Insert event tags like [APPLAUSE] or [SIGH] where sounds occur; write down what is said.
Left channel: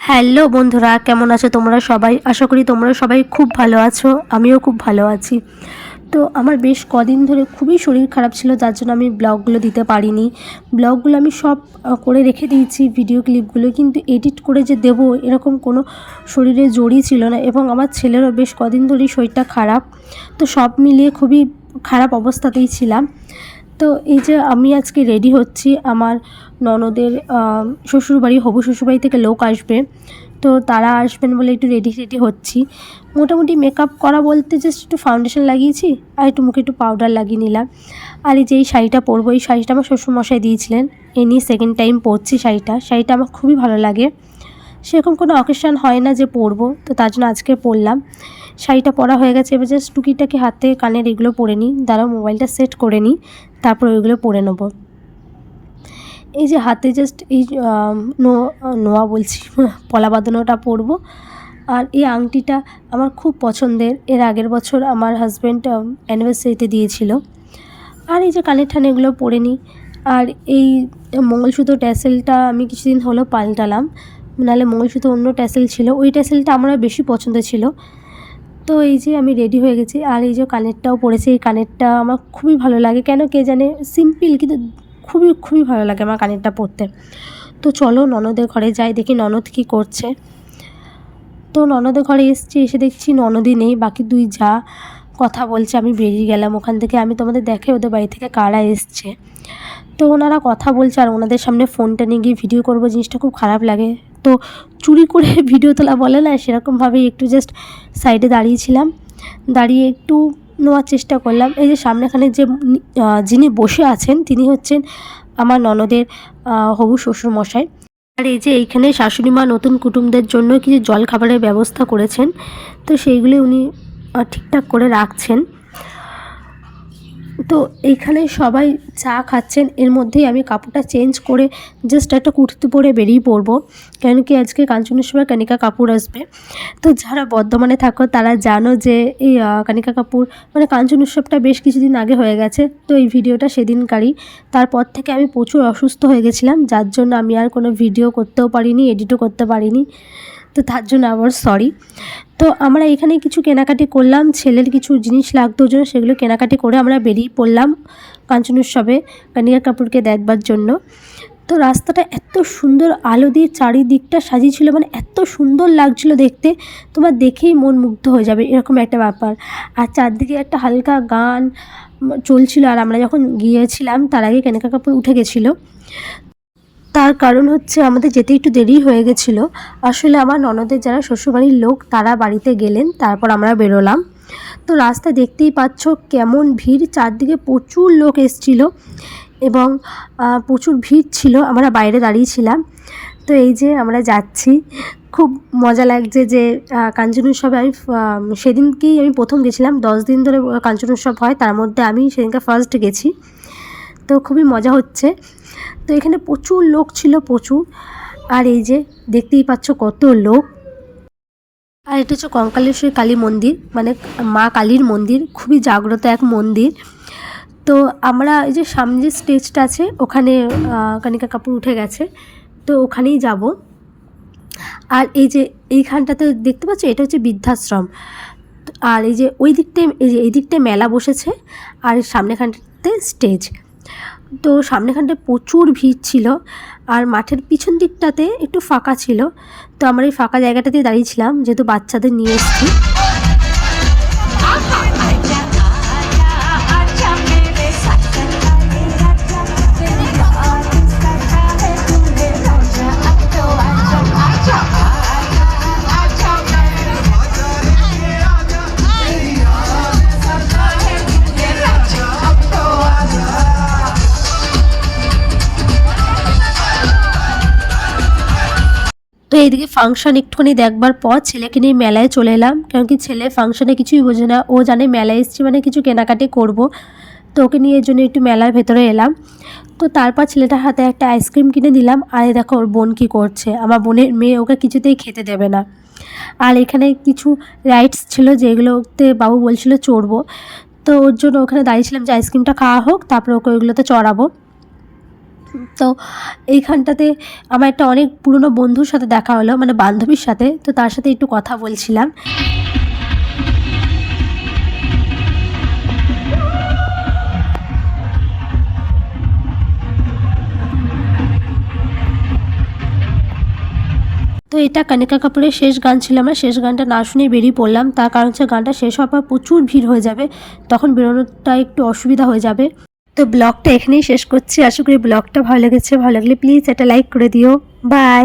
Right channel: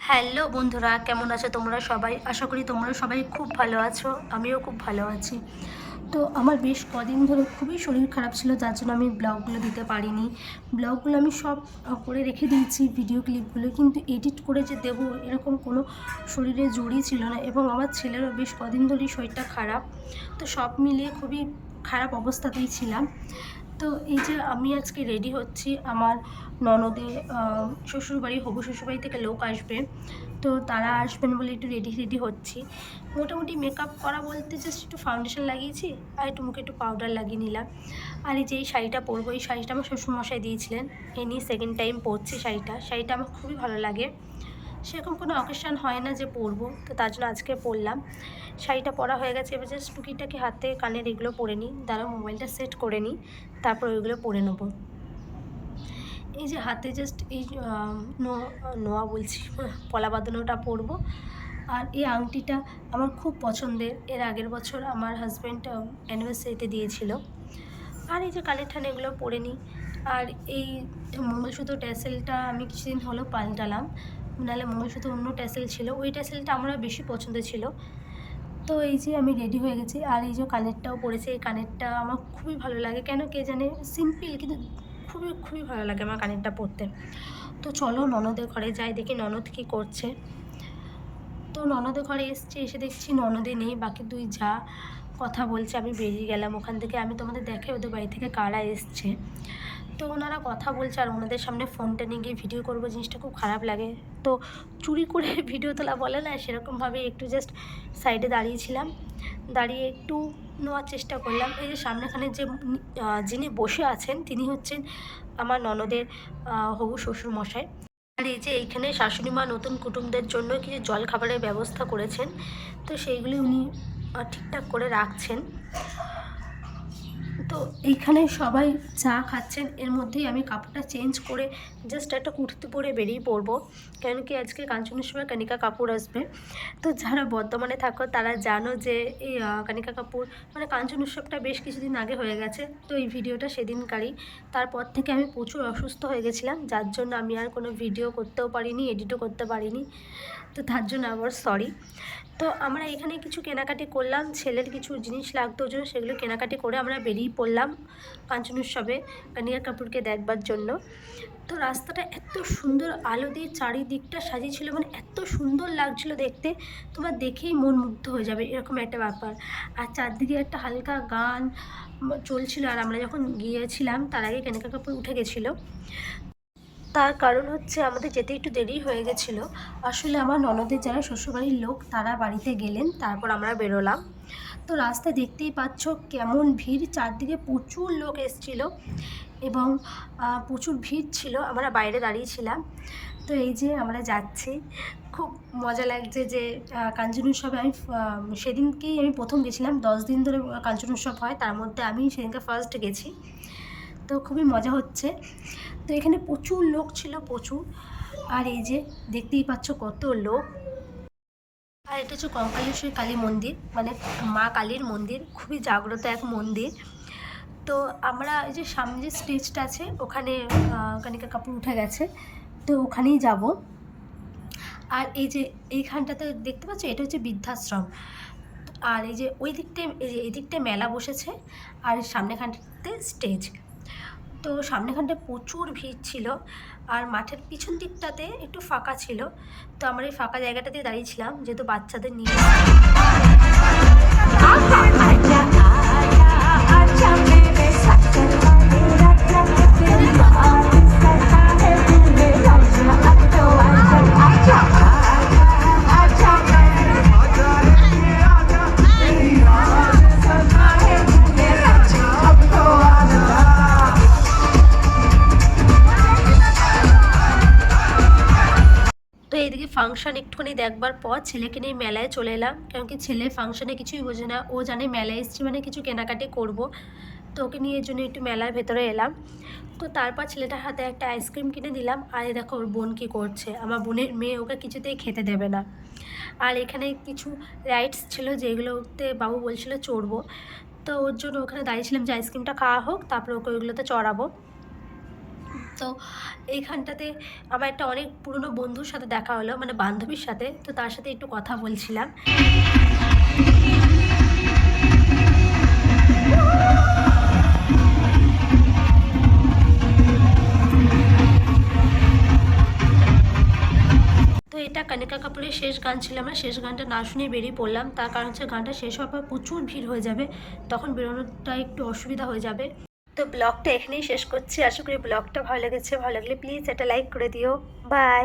Hello বন্ধুরা, কেমন আছো তোমরা সবাই? আশা করি তোমরা সবাই খুব ভালো আছো, আমিও খুব ভালো আছি। তো আমার বেশ কদিন ধরে খুবই শরীর খারাপ ছিল, যার জন্য আমি ব্লগগুলো দিতে পারিনি। ব্লগগুলো আমি সব করে রেখে দিয়েছি, ভিডিও ক্লিপগুলো, কিন্তু এডিট করে যে দেব, এরকম কোনো শরীরে জড়ি ছিল না এবং আমার ছেলেরও বেশ কদিন ধরেই শরীরটা খারাপ। তো সব মিলিয়ে খুবই খারাপ অবস্থাতেই ছিলাম। তো এই যে আমি আজকে রেডি হচ্ছি, আমার ননদের শ্বশুরবাড়ি, হবু শ্বশুরবাড়ি থেকে লোক আসবে। তো তারা আসবেন বলে একটু রেডি রেডি হচ্ছি। মোটামুটি মেকআপ করা বলতে জাস্ট একটু ফাউন্ডেশন লাগিয়েছি আর একটু মুখে একটু পাউডার লাগিয়ে নিলাম। আর এই যে এই শাড়িটা পরবো, এই শাড়িটা আমার শ্বশুরমশাই দিয়েছিলেন। এ নিয়ে সেকেন্ড টাইম পরছি শাড়িটা। শাড়িটা আমার খুবই ভালো লাগে। সেরকম কোনো অকেশন হয় না যে পরবো, তো তার জন্য আজকে পরলাম। শাড়িটা পরা হয়ে গেছে, এবার জাস্ট টুকিটাকে হাতে কানের এগুলো পরে নিই। দ্বারা মোবাইলটা সেট করে নিই। তারপর ওইগুলো পরে নেব। এই যে হাতে জাস্ট এই নোয়া বলছি পলা বাঁধানোটা পরবো। আর এই আংটিটা আমার খুব পছন্দের। এর আগের বছর আমার হাজব্যান্ড অ্যানিভার্সারিতে দিয়েছিল। আর এই যে কানের ঠান এগুলো পরে নিই। আর এই মঙ্গলসূত্র ট্যাসেলটা আমি কিছুদিন হলো পাল্টালাম। নাহলে মঙ্গলসূত্র অন্য ট্যাসেল ছিল। ওই ট্যাসেলটা আমার বেশি পছন্দ ছিল। তো এই যে আমি রেডি হয়ে গেছি, আর এই যে কানেরটাও পরেছি এই কানেরটা আমার খুবই ভালো লাগে। কেন কে জানে? সিম্পল কিন্তু খুবই খুবই ভালো লাগে আমার কানেরটা পরতে তো চলো ননদের ঘরে যাই, দেখি ননদ কী করছে। তো ননদের ঘরে এসছি, এসে দেখছি ননদই নেই, বাকি দুই যা কথা বলছে, আমি বেরিয়ে গেলাম ওখান থেকে। আমি তোমাদের দেখে ওদের বাড়ি থেকে কারা এসছে। তো ওনারা কথা বলছে, আর ওনাদের সামনে ফোনটা নিয়ে গিয়ে ভিডিও করব, জিনিসটা খুব খারাপ লাগে। তো চুরি করে [LAUGHS] ভিডিও তোলা বলে না, সেরকমভাবেই একটু জাস্ট সাইডে দাঁড়িয়েছিলাম। দাঁড়িয়ে একটু নেওয়ার চেষ্টা করলাম। এই যে সামনেখানে যে যিনি বসে আছেন, তিনি হচ্ছেন আমার ননদের হবু শ্বশুরমশাই। আর এই যে এইখানে শাশুড়ি মা নতুন কুটুমদের জন্য কিছু জল খাবারের ব্যবস্থা করেছেন, তো সেইগুলি উনি ঠিকঠাক করে রাখছেন। তো এইখানে সবাই চা খাচ্ছেন। এর মধ্যেই আমি কাপড়টা চেঞ্জ করে জাস্ট একটা কুর্তি পরে বেরিয়ে পড়ব। কেন কি আজকে কাঞ্চনেশ্বর কানিকা কাপুর আসবে। তো যারা বর্ধমানে থাকো, তারা জানো যে এই কানিকা কাপুর মানে কাঞ্চন উৎসবটা বেশ কিছুদিন আগে হয়ে গেছে। তো এই ভিডিওটা সেদিনকারই। তারপর থেকে আমি প্রচুর অসুস্থ হয়ে গেছিলাম। যার জন্য আমি আর কোনো ভিডিও করতেও পারিনি এডিটও করতে পারিনি। তো তার জন্য আবার সরি তো আমরা এখানে কিছু কেনাকাটি করলাম, ছেলের কিছু জিনিস লাগতো জন্য সেগুলো কেনাকাটি করে আমরা বেরিয়ে পড়লাম কাঞ্চন উৎসবে কানিকা কাপুরকে দেখবার জন্য। তো রাস্তাটা এত সুন্দর, আলো দিয়ে চারিদিকটা সাজিয়েছিল মানে এত সুন্দর লাগছিল দেখতে। তোমার দেখেই মন মুগ্ধ হয়ে যাবে, এরকম একটা ব্যাপার। আর চারদিকে একটা হালকা গান চলছিল, আর আমরা যখন গিয়েছিলাম তার আগে কেনাকা কাপড় উঠে গেছিল। তার কারণ হচ্ছে আমাদের যেতে একটু দেরি হয়ে গেছিল। আসলে আমার ননদের যারা শ্বশুরবাড়ির লোক, তারা বাড়িতে গেলেন, তারপর আমরা বেরোলাম। তো রাস্তা দেখতেই পাচ্ছ কেমন ভিড়, চারদিকে প্রচুর লোক এসছিল এবং প্রচুর ভিড় ছিল, আমরা বাইরে দাঁড়িয়েছিলাম তো এই যে আমরা যাচ্ছি, খুব মজা লাগছে যে কাঞ্চন উৎসবে আমি সেদিনকেই আমি প্রথম গেছিলাম, দশ দিন ধরে কাঞ্চন উৎসব হয়, তার মধ্যে আমি সেদিনকে ফার্স্ট গেছি। তো খুবই মজা হচ্ছে। তো এখানে প্রচুর লোক ছিল, প্রচুর। আর এই যে দেখতেই পাচ্ছ কত লোক। আর এটা হচ্ছে কঙ্কালেশ্বরী কালী মন্দির মানে মা কালীর মন্দির, খুবই জাগ্রত এক মন্দির। তো আমরা এই যে সামনে যে স্টেজটা আছে, ওখানে কানিকা কাপুর উঠে গেছে। তো ওখানেই যাব। আর এই যে এইখানটাতে দেখতে পাচ্ছ, এটা হচ্ছে বৃদ্ধাশ্রম। আর এই যে ওই দিকটায়, এই যে এই দিকটায় মেলা বসেছে। আর সামনেখানটাতে স্টেজ। তো সামনেখানটায় প্রচুর ভিড় ছিল আর মাঠের পিছন দিকটাতে একটু ফাঁকা ছিল। তো আমরা এই ফাঁকা জায়গাটাতে দাঁড়িয়েছিলাম যেহেতু বাচ্চাদের নিয়ে এসেছি। এইদিকে ফাংশন একটুখানি দেখবার পর ছেলেকে নিয়ে মেলায় চলে এলাম। কারণ কি ছেলে ফাংশনে কিছুই বোঝে না। ও জানে মেলায় এসেছি মানে কিছু কেনাকাটি করব। তো ওকে নিয়ে এর জন্য একটু মেলার ভেতরে এলাম। তো তারপর ছেলেটার হাতে একটা আইসক্রিম কিনে দিলাম। আর দেখো ওর বোন কী করছে। আমার বোনের মেয়ে ওকে কিছুতেই খেতে দেবে না। আর এখানে কিছু রাইডস ছিল যেগুলোতে বাবু বলছিল চড়বো। তো ওর জন্য ওখানে দাঁড়িয়েছিলাম যে আইসক্রিমটা খাওয়া হোক, তারপর ওকে ওইগুলোতে চড়াবো। তো এইখানটাতে আমার একটা অনেক পুরনো বন্ধুর সাথে দেখা হলো মানে বান্ধবীর সাথে, তো তার সাথে একটু কথা বলছিলাম। তো এটা কানিকা কাপুরের শেষ গান ছিল আমরা, শেষ গানটা না শুনে বেরিয়ে পড়লাম। তার কারণ হচ্ছে গানটা শেষ হওয়ার পর প্রচুর ভিড় হয়ে যাবে, তখন বেরোনোটা একটু অসুবিধা হয়ে যাবে। তো ব্লগটা এখানেই শেষ করছি। আশা করি ব্লগটা ভালো লেগেছে। ভালো লাগলে প্লিজ একটা লাইক করে দিও। বাই